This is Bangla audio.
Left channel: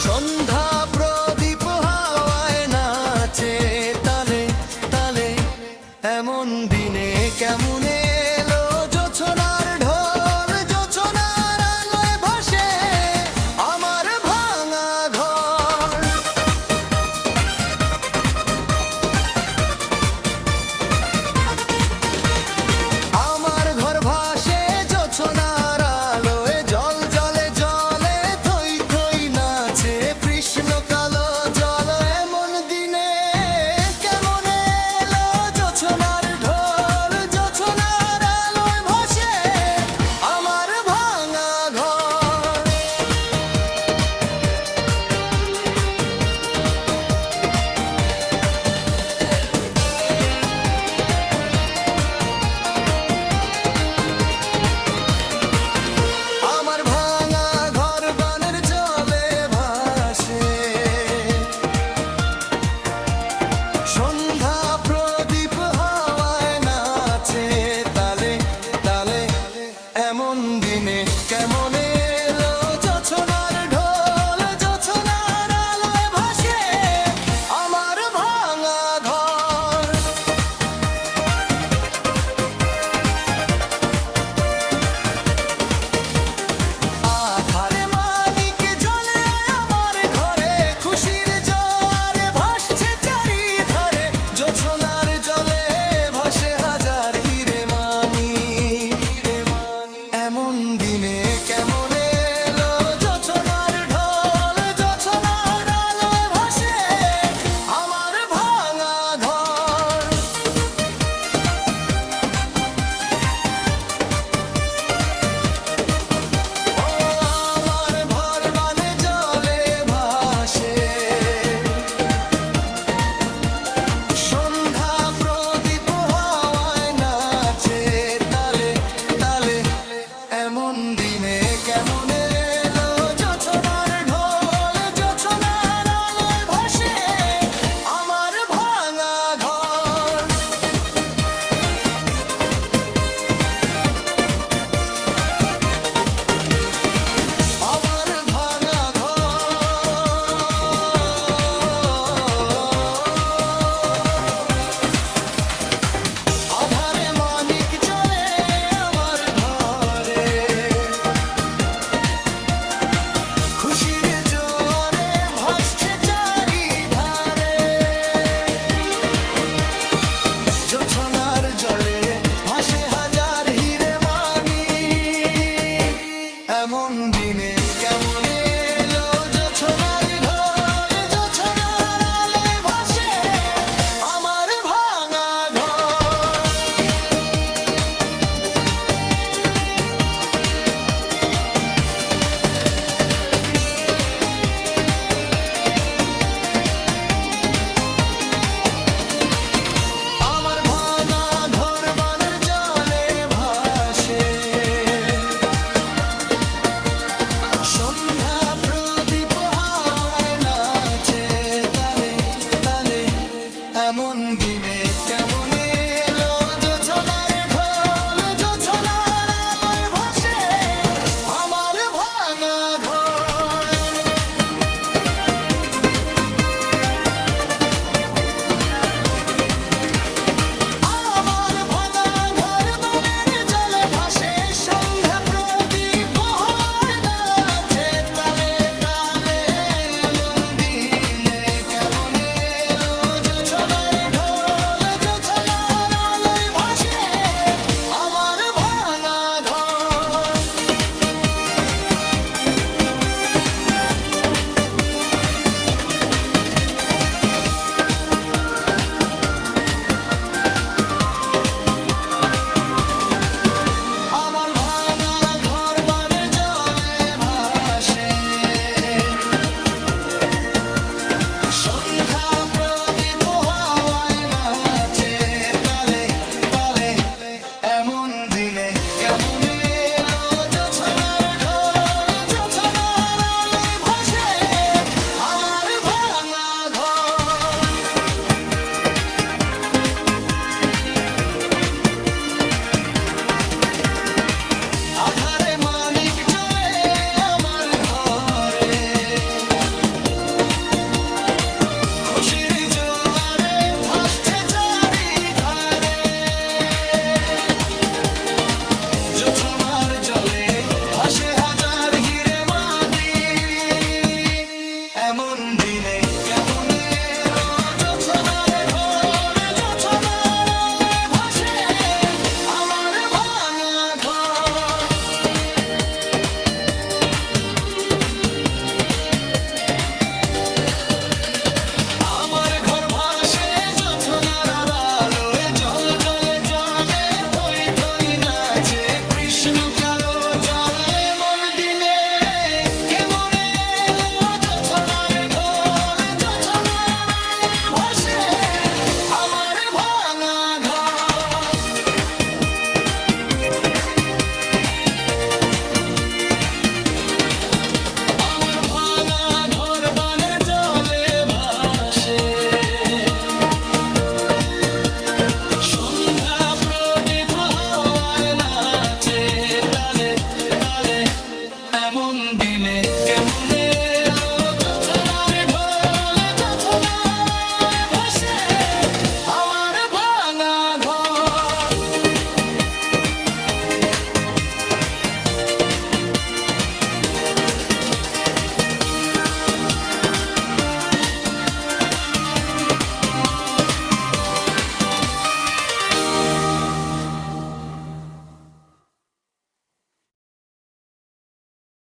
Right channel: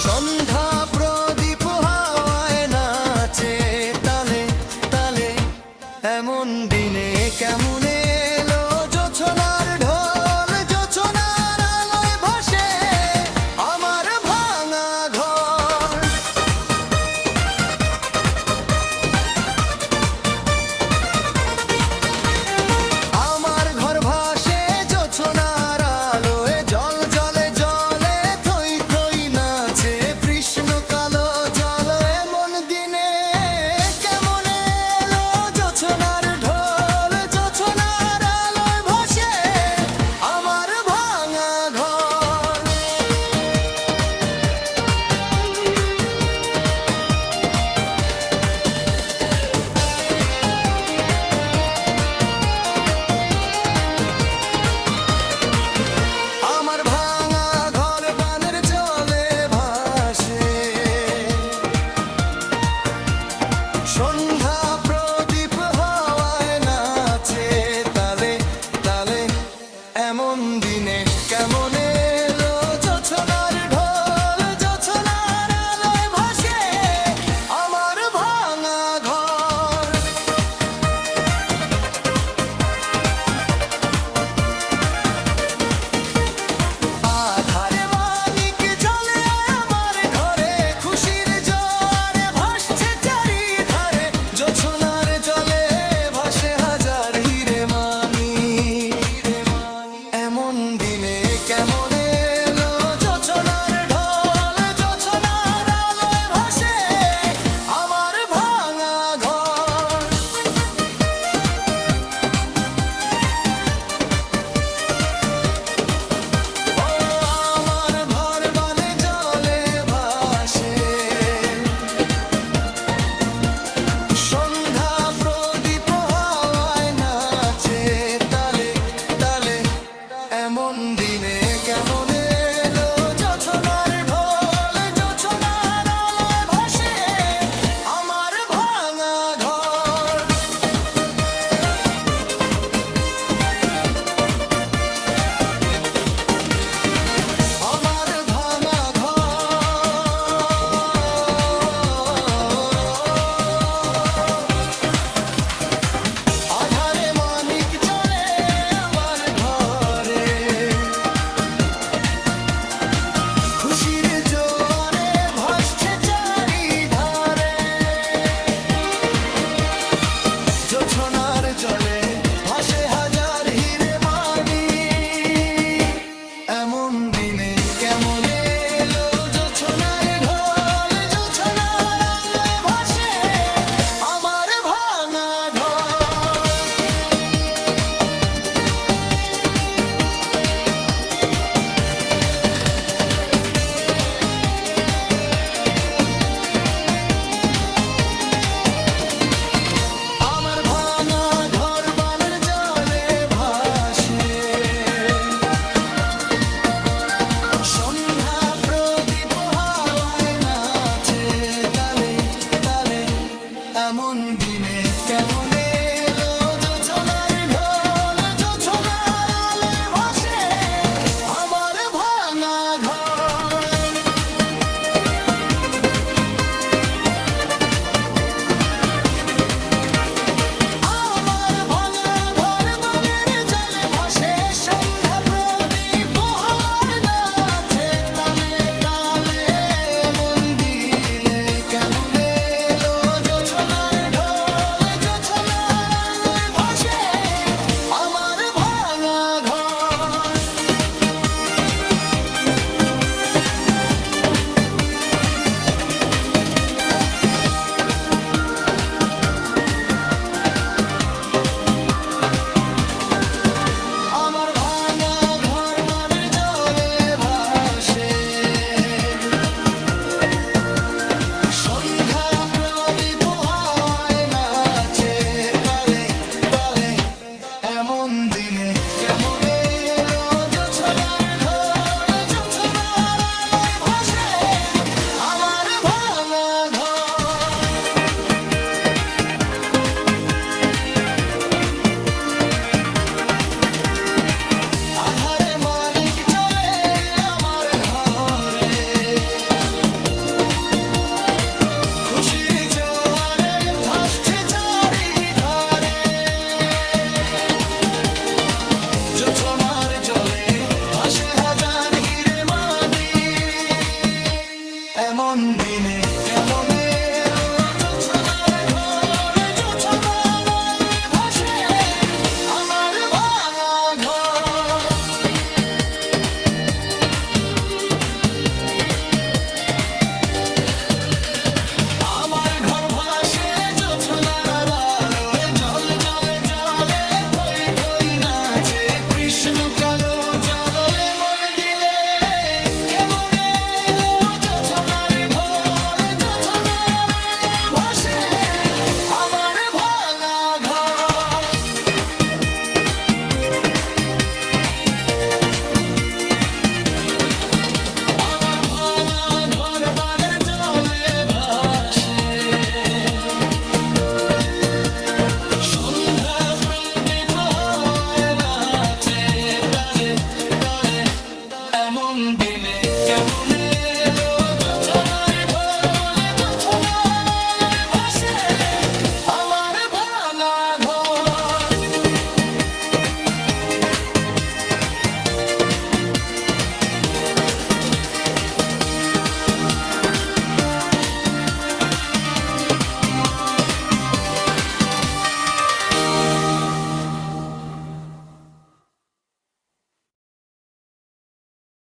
সন্ধ্যা প্রদীপ হাওয়ায় নাচে তালে তালে, এমন দিনে কেমন এলো জোছনার ঢোল, জোছনার আলোয় ভাসে আমার ভাঙা ঘর। আমার ঘর ভাসে জোছনার আলোয়, জল জলে জলে থই থই নাচে কৃষ্ণ কালো জল। এমন দিনে কেমন এলো জোছনার ঢোল, জোছনার আলোয় ভাসে আমার ভাঙা ঘর। আমার ভাঙা ঘর বানের জলে ভাসে, সন্ধ্যা প্রদীপ হাওয়ায় নাচে তালে তালে, এমন দিনে কেমন এলো জোছনার ঢোল, জোছনার আলোয় ভাসে আমার ভাঙা ঘর। আধারে মানিক জ্বলে আমার ঘরে, খুশির জোয়ারে ভাসছে চারিধারে, জোছনার জলে ভাসে হাজার হিরে মানিক। এমন দিনে কেমন এলো জোছনার ঢোল, জোছনার আলোয় ভাসে আমার ভাঙা ঘর। ও আমার ঘর বানে জলে ভাসে, সন্ধ্যা প্রদীপ হাওয়ায় নাচে তালে তালে, এমন দিনে কেমন এলো জোছনার ঢোল, জোছনার আলোয় ভাসে আমার ভাঙা ঘর। আমার ভাঙা ঘর। আধারে মানিক জ্বলে আমার ঘরে, খুশির জোয়ারে ভাসছে চারিধারে, জোছনার জলে ভাসে হাজার হিরে মানিক। এমন দিনে কেমন এলো জোছনার ঢোল, জোছনার আলোয় ভাসে আমার ভাঙা ঘর। আমার ভাঙা ঘর বানের জলে ভাসে, সন্ধ্যা প্রদীপ হাওয়ায় নাচে তালে তালে, এমন দিনে কেমন এলো জোছনার ঢোল, জোছনার আলোয় ভাসে আমার ভাঙা ঘর। আমার ভাঙা ঘর বানের জলে ভাসে, সন্ধ্যা প্রদীপ হাওয়ায় নাচে তালে তালে, এমন দিনে কেমন এলো জোছনার ঢোল, এমন দিনে কেমনে